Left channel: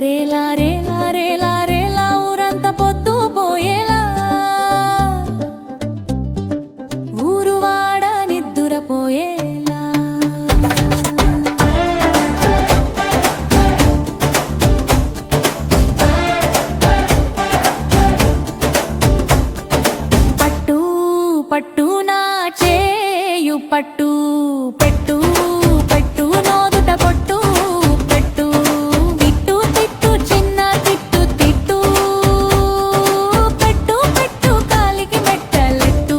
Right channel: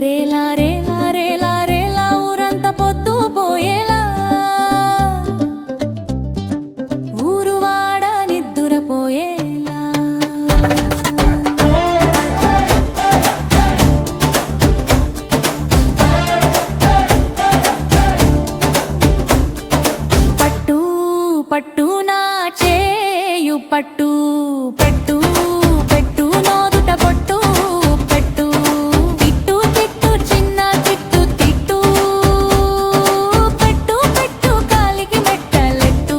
రేలా రేలా రేలా రేలా ఊరంతా పొద్దు పోయేలా ఊరువాడ నిద్దురపోయేలా పట్టు పట్టు నా చేయు పట్టు పెట్టు పెట్టు నోదుట పొట్టు పెట్టు తిట్టు తిట్టు చిన్న తిట్టు తిట్టు పెట్టు పెట్టు కాలికి మెట్టలెట్టు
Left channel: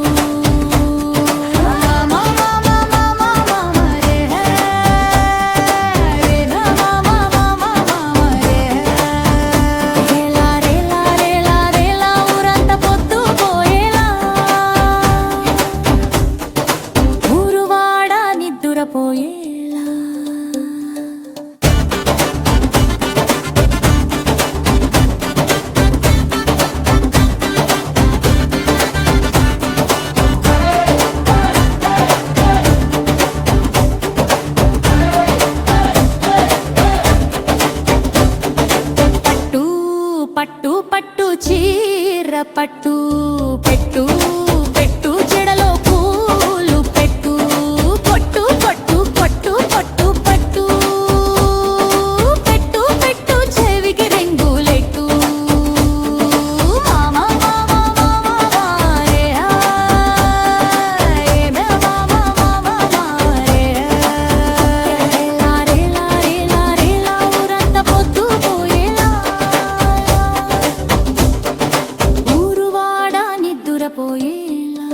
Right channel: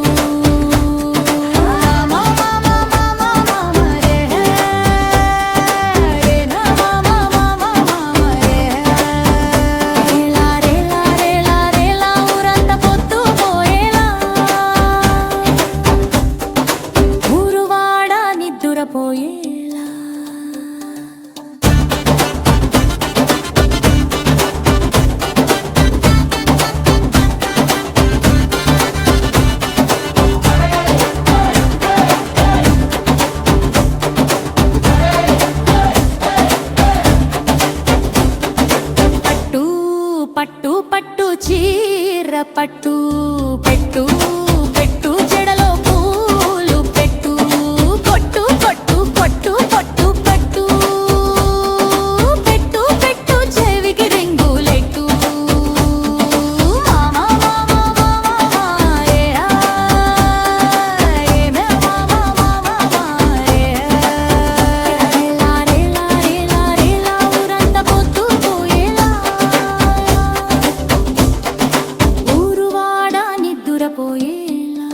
మామ మామ మామ మామ రే రే నా మామ మామ మామ రే రేలా రేలా రేలా రేలా ఊరంతా పొద్దు పోయేలా ఊరువాడ నిద్దురపోయేలా పట్టు పట్టు పట్టు చీర పట్టు పెట్టు పెట్టు జడలో పూలు పెట్టు కొట్టు కొట్టు కొట్టు కొట్టు పట్టు పెట్టు పెట్టు చెవికి రింగులెట్టు మామ మామ మామ మారే ఏమే మామ మామ మారే రేలా రేలా రేలా రేలా ఊరంతా పొద్దు పోయేలా ఊరువాడ నిద్దురపోయేలా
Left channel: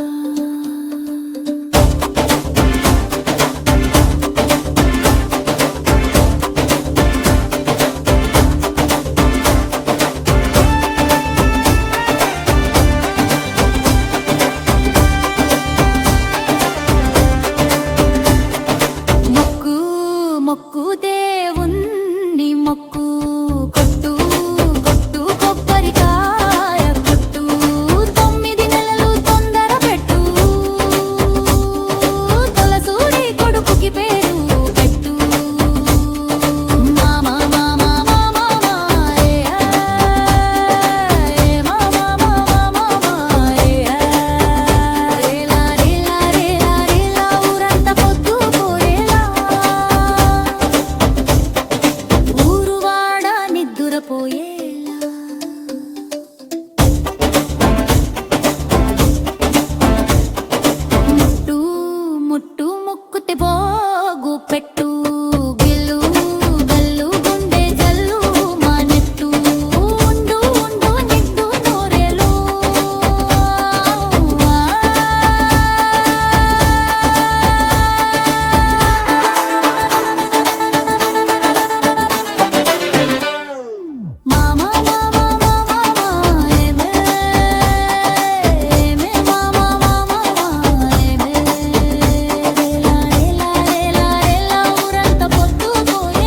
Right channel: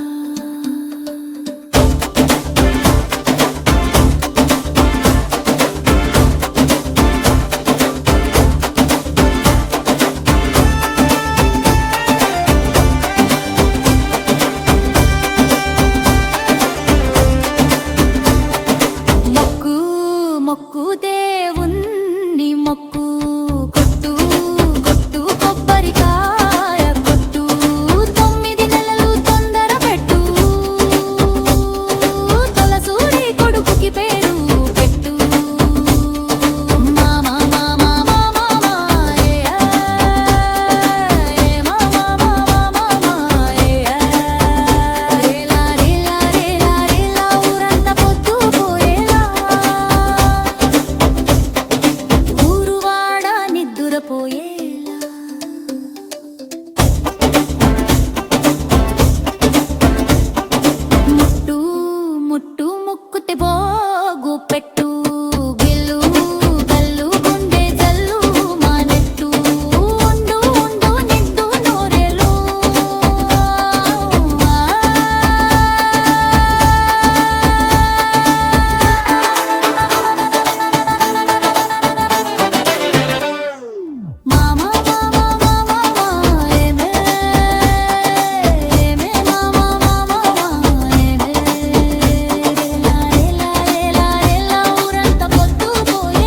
మొక్కు మొక్కు దేవుణ్ణి మొక్కు కొట్టు కొట్టు కొబ్బరికాయ కొట్టు 9 నెలలు తొందర పెట్టు తొలసూరి కొడుకుకి పేరు పెట్టు మామ మామ మామ మారే మామ మామ మారే రేలా రేలా రేలా రేలా ఊరంతా పొద్దు పోయేలా ఊరువాడ నిద్దురపోయేలా ముట్టు ముట్టు ముక్కుతే పోగు పెట్టు గిల్లు గల్లు గుండె జల్లు మానెట్టు ఉండు ఉండు నిండు నోరెలు మామ మామ మామ ఏమే ఏమే మామ మామ ఏమే రేలా రేలా రేలా రేలా ఊరంతా పొద్దు పోయేలా